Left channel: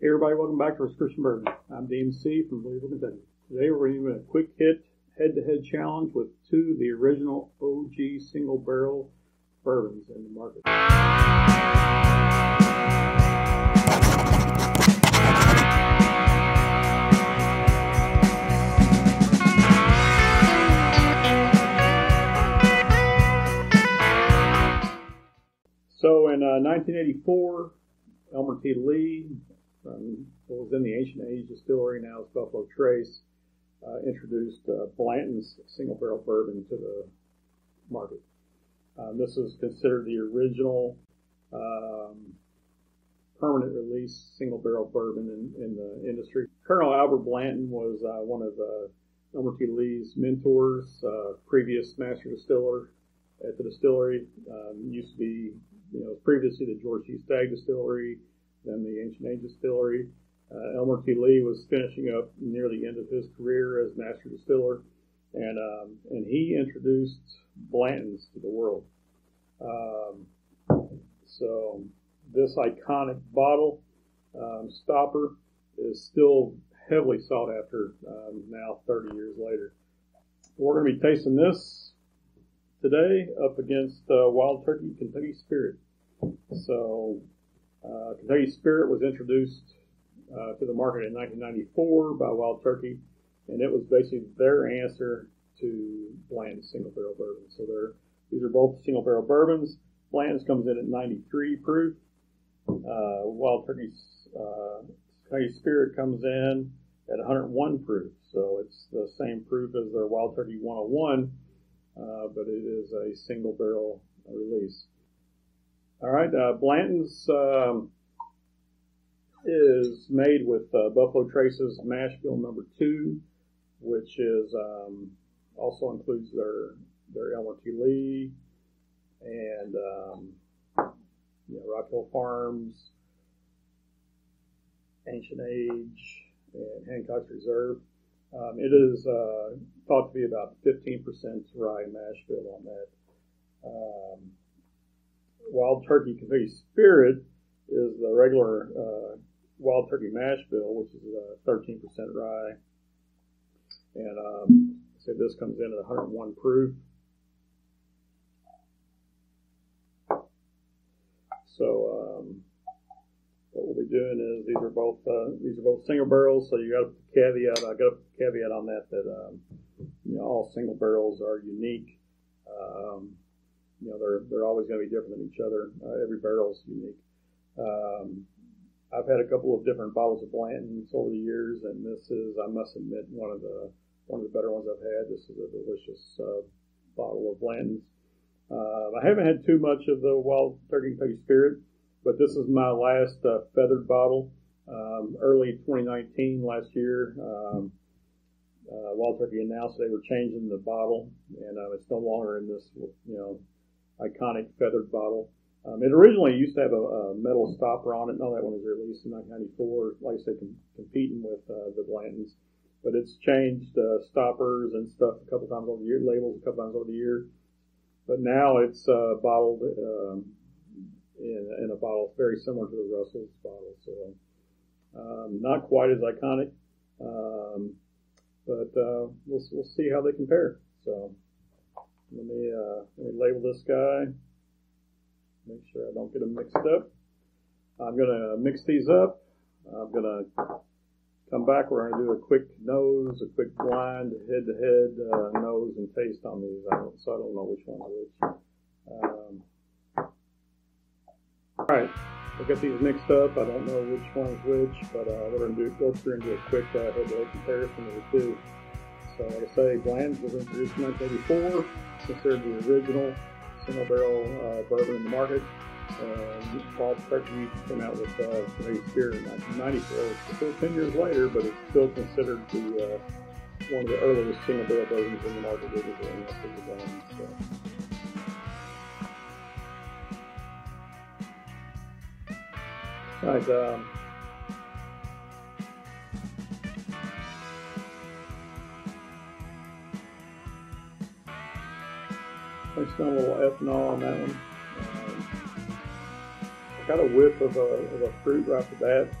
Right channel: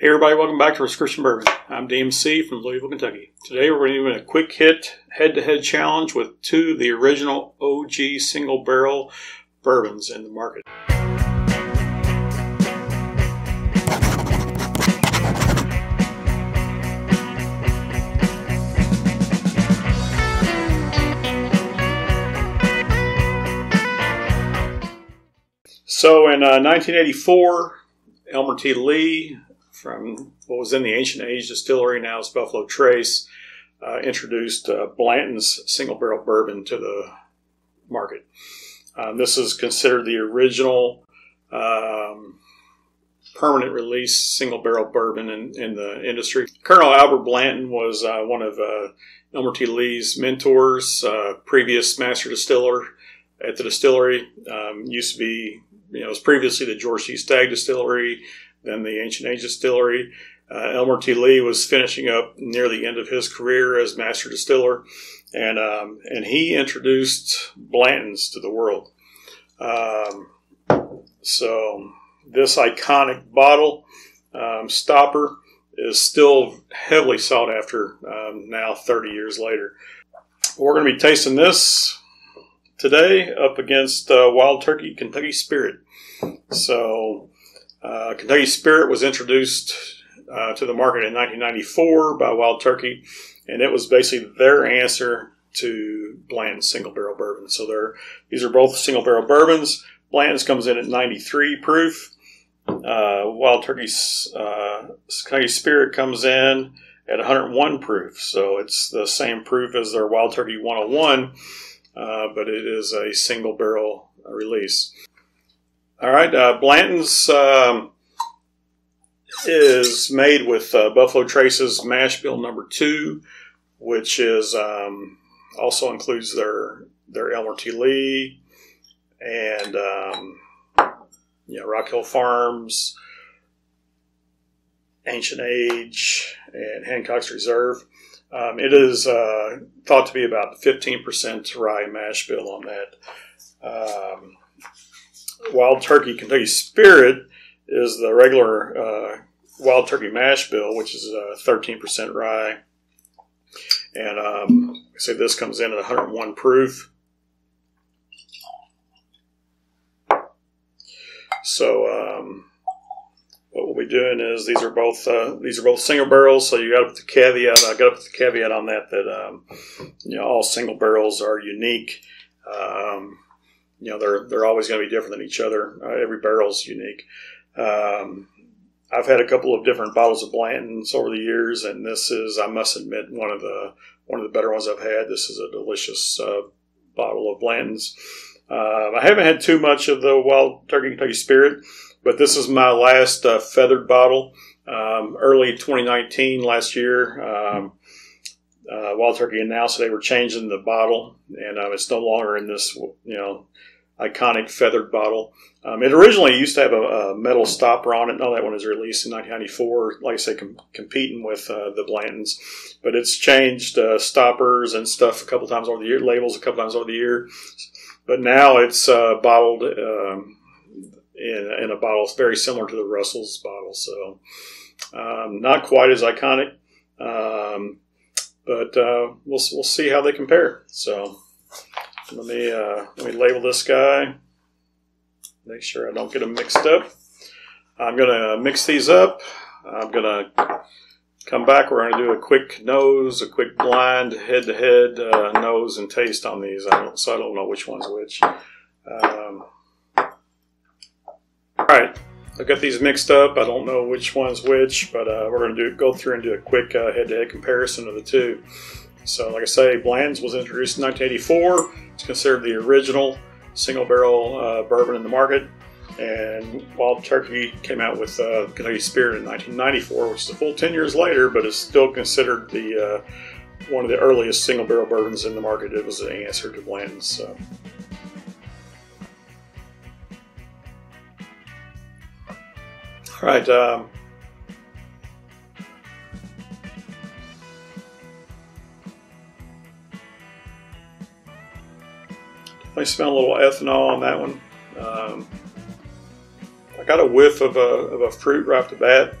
Hey everybody, welcome back to Prescription Bourbon. I'm DMC from Louisville, Kentucky. Today we're doing a quick hit head-to-head challenge with two of the original OG Single Barrel Bourbons in the market. So in 1984, Elmer T. Lee, from what was in the H2H distillery, now it's Buffalo Trace, introduced Blanton's Single Barrel Bourbon to the market. This is considered the original permanent release single barrel bourbon in the industry. Colonel Albert Blanton was one of Elmer T. Lee's mentors, previous master distiller at the distillery. Used to be, it was previously the George C. Stagg Distillery, then the H2H Distillery. Elmer T. Lee was finishing up near the end of his career as master distiller, and he introduced Blanton's to the world. So this iconic bottle stopper is still heavily sought after now 30 years later. We're going to be tasting this today up against Wild Turkey Kentucky Spirit. So Kentucky Spirit was introduced to the market in 1994 by Wild Turkey, and it was basically their answer to Blanton's Single Barrel Bourbon. So these are both single barrel bourbons. Blanton's comes in at 93 proof. Wild Turkey's Kentucky Spirit comes in at 101 proof. So it's the same proof as their Wild Turkey 101, but it is a single barrel release. All right, Blanton's is made with Buffalo Trace's Mash Bill No. 2, which is also includes their Elmer T. Lee and Rock Hill Farms, H2H, and Hancock's Reserve. It is thought to be about 15% rye mash bill on that. Wild Turkey Kentucky Spirit is the regular Wild Turkey mash bill, which is 13% rye. And I say this comes in at 101 proof. So what we'll be doing is these are both single barrels. So you got to put the caveat. I got to put the caveat on that all single barrels are unique. They're always going to be different than each other. Every barrel's unique. I've had a couple of different bottles of Blanton's over the years, and this is, I must admit, one of the better ones I've had. This is a delicious bottle of Blanton's. I haven't had too much of the Wild Turkey Kentucky Spirit, but this is my last feathered bottle. Early 2019, last year, Wild Turkey announced they were changing the bottle, and it's no longer in this iconic feathered bottle. It originally used to have a metal stopper on it. Now that one was released in 1994, like I say, competing with the Blantons. But it's changed stoppers and stuff a couple times over the year, labels a couple times over the year. But now it's bottled in a bottle very similar to the Russell's bottle. So not quite as iconic, but we'll see how they compare. So let me label this guy. Make sure I don't get them mixed up. I'm going to mix these up. I'm going to come back. We're going to do a quick nose, a quick blind head-to-head nose and taste on these. So I don't know which one's which. All right, I've got these mixed up. I don't know which one's which, but we're going to go through and do a quick head-to-head comparison of the two. So like I say, Blanton's was introduced in 1984. It's considered the original single barrel bourbon in the market, and Wild Turkey came out with Kentucky Spirit in 1994, which is a full 10 years later, but is still considered the one of the earliest single barrel bourbons in the market. It was an answer to Blanton's. So. All right. I smell a little ethanol on that one. I got a whiff of a fruit right off the bat.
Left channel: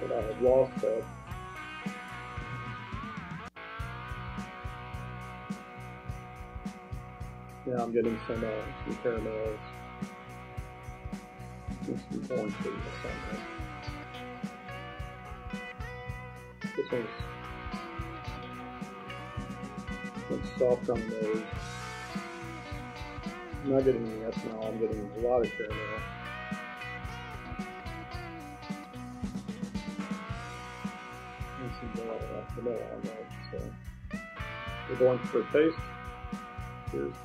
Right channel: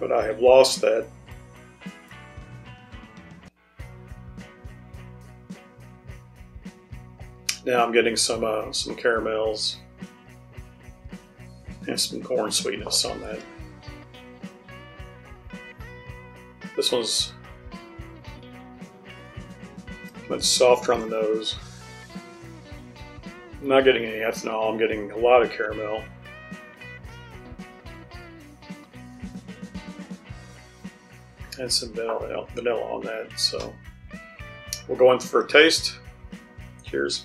but I have lost that. Now I'm getting some caramels and some corn sweetness on that. This one's much softer on the nose. I'm not getting any ethanol, I'm getting a lot of caramel. And some vanilla on that. So we're going for a taste. Cheers.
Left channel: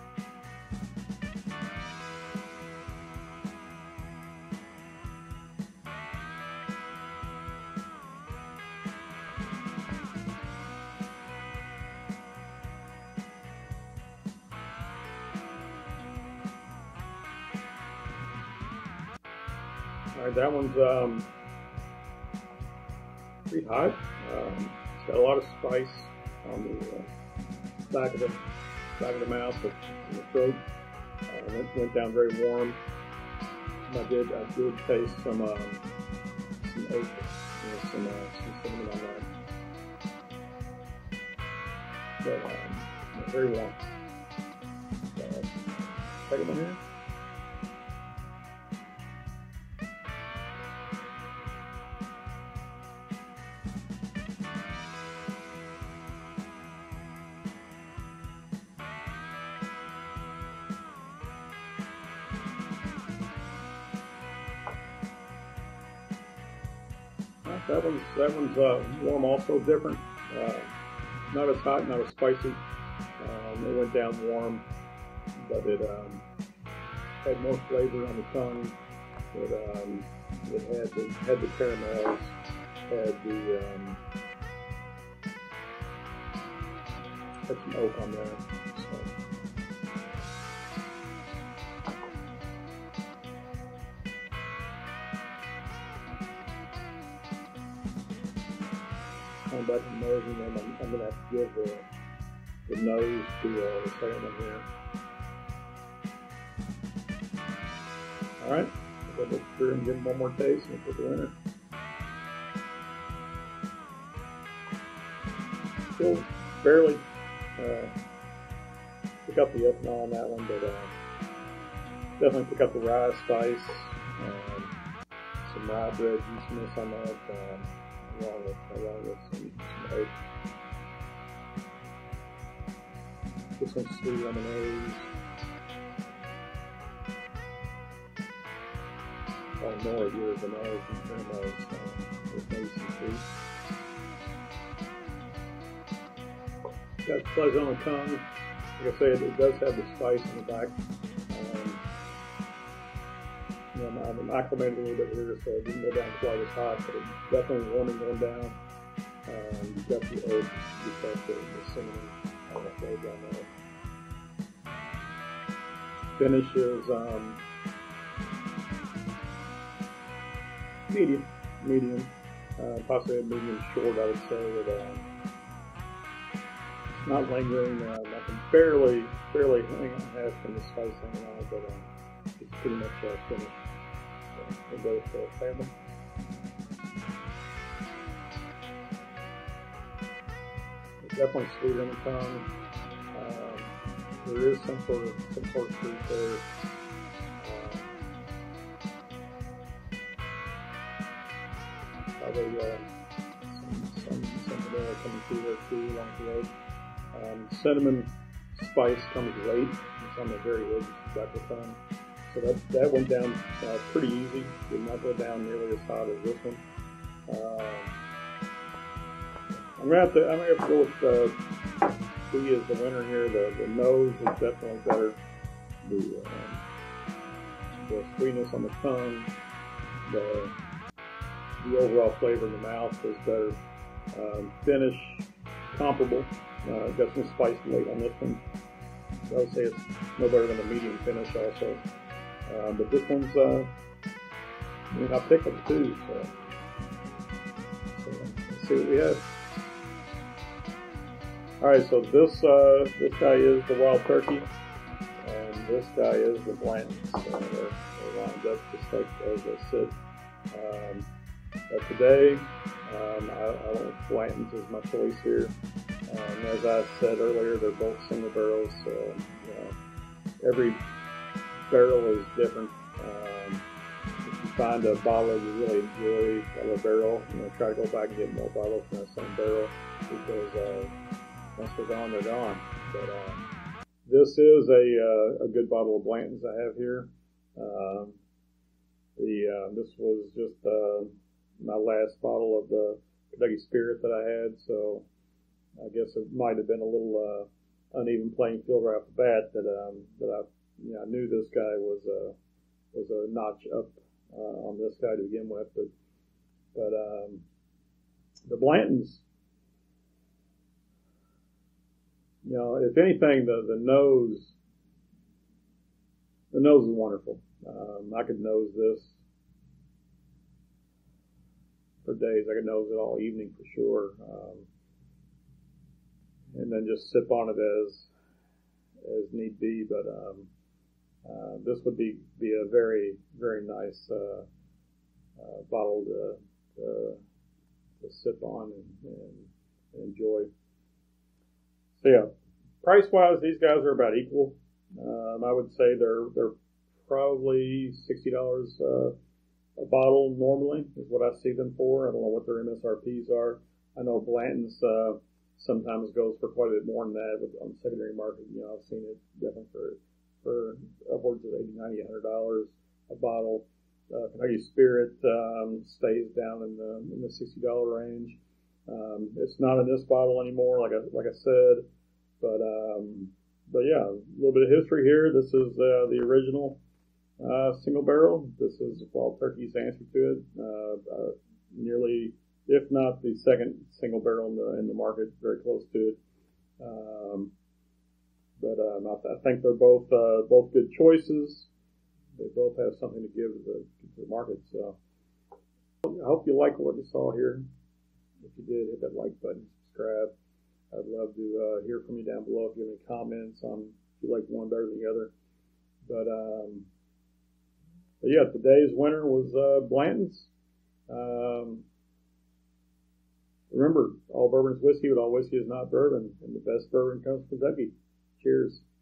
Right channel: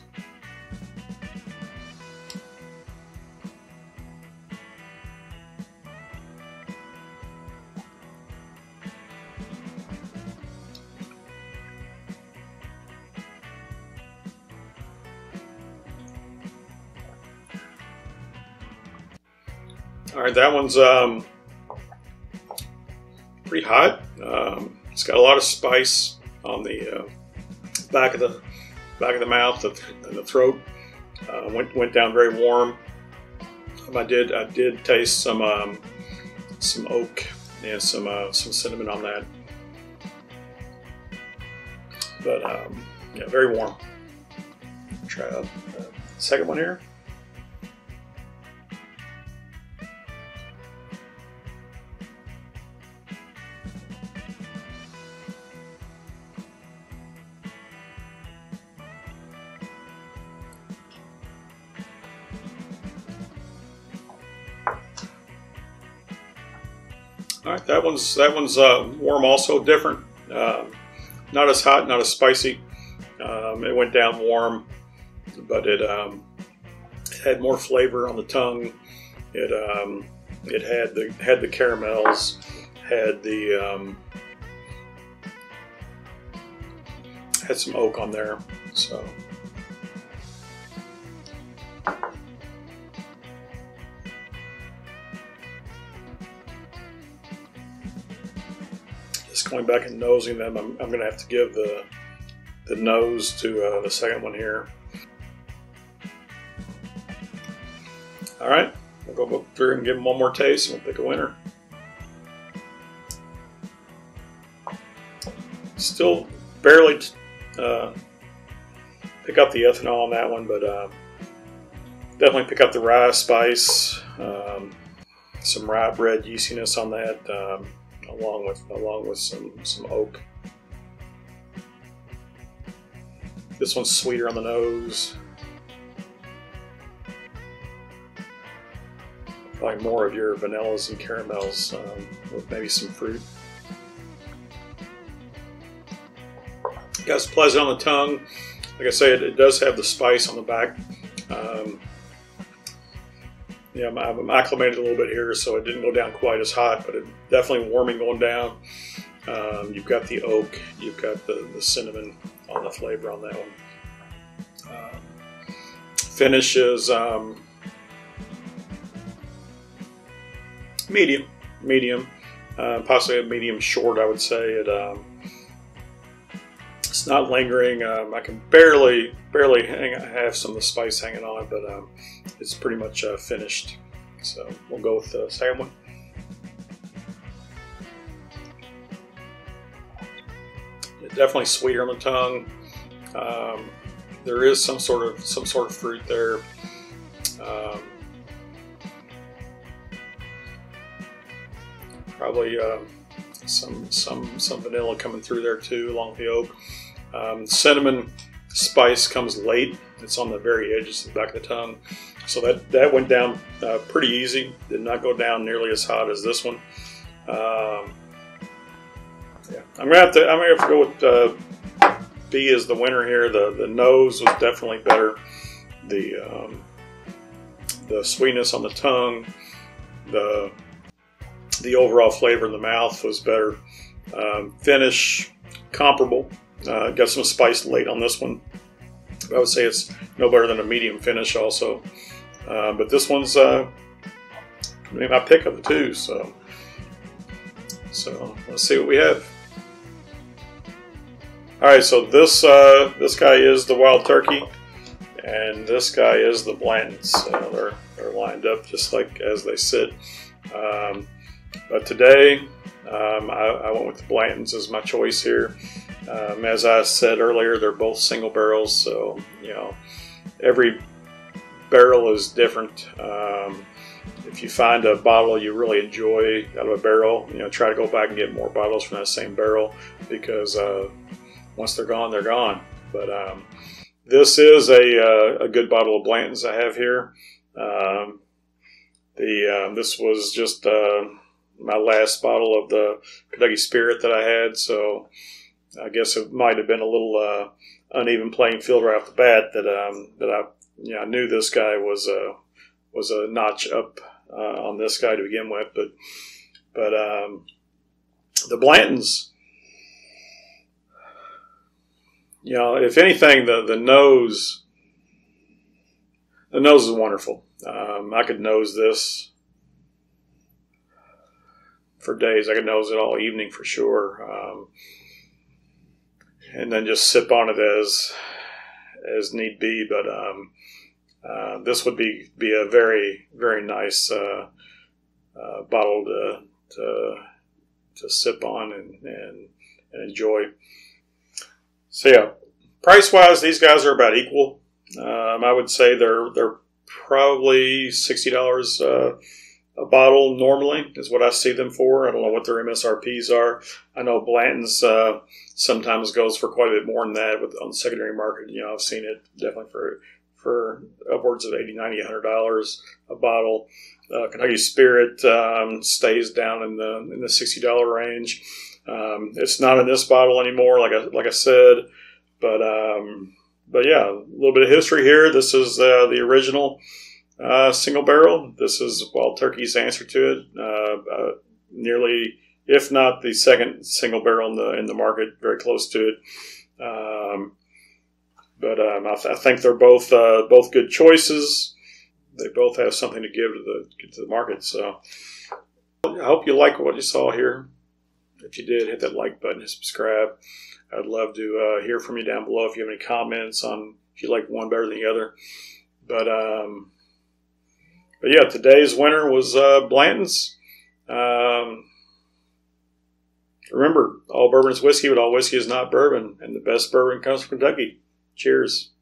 All right, that one's pretty hot. It's got a lot of spice on the back of the mouth and the throat. Went down very warm. I did taste some oak and some cinnamon on that. But yeah, very warm. Try a second one here. All right, that one's warm, also different. Not as hot, not as spicy. It went down warm, but it had more flavor on the tongue. It had the caramels, had some oak on there. So. Just going back and nosing them, I'm going to have to give the nose to the second one here. All right, I'll go through and give them one more taste and we'll pick a winner. Still barely pick up the ethanol on that one, but definitely pick up the rye spice, some rye bread yeastiness on that. Along with some oak. This one's sweeter on the nose. Probably more of your vanillas and caramels with maybe some fruit. It's pleasant on the tongue. Like I say, it does have the spice on the back. Yeah, I'm acclimated a little bit here, so it didn't go down quite as hot, but it definitely warming going down. You've got the oak, you've got the cinnamon on the flavor on that one. Finish is medium, possibly a medium short, I would say. It's not lingering. I can barely have some of the spice hanging on it, but it's pretty much finished. So we'll go with the second one. It's definitely sweeter on the tongue. There is some sort of fruit there. Probably some vanilla coming through there too, along with the oak. Cinnamon spice comes late. It's on the very edges of the back of the tongue, so that went down pretty easy. Did not go down nearly as hot as this one. Yeah. I'm gonna have to go with B as the winner here. The nose was definitely better. The sweetness on the tongue, the overall flavor in the mouth was better. Finish comparable. Got some spice late on this one. I would say it's no better than a medium finish also. But this one's maybe my pick of the two. So let's see what we have. All right, so this guy is the Wild Turkey, and this guy is the Blantons. They're lined up just like as they sit. But today, I went with the Blantons as my choice here. As I said earlier, they're both single barrels, so every barrel is different. If you find a bottle you really enjoy out of a barrel, try to go back and get more bottles from that same barrel, because once they're gone, they're gone. But this is a good bottle of Blantons I have here. This was just my last bottle of the Kentucky Spirit that I had, so I guess it might have been a little uneven playing field right off the bat. I knew this guy was a notch up on this guy to begin with, but the Blantons, if anything, the nose is wonderful. I could nose this for days. I could nose it all evening for sure, and then just sip on it as need be. But this would be a very, very nice bottle to sip on and enjoy. So yeah, price wise, these guys are about equal. I would say they're probably $60 a bottle normally is what I see them for. I don't know what their MSRPs are. I know Blanton's sometimes goes for quite a bit more than that on the secondary market. I've seen it definitely for upwards of $80, $90, $100 a bottle. Kentucky Spirit stays down in the $60 range. It's not in this bottle anymore, like I said, but yeah, a little bit of history here. This is the original single barrel. This is Wild Turkey's answer to it. Nearly, if not the second single barrel in the market, very close to it. But I think they're both good choices. They both have something to give to the market. So I hope you like what you saw here. If you did, hit that like button and subscribe. I'd love to hear from you down below if you have any comments on if you like one better than the other. But yeah, today's winner was Blanton's. Remember, all bourbon is whiskey, but all whiskey is not bourbon, and the best bourbon comes from Kentucky. Cheers.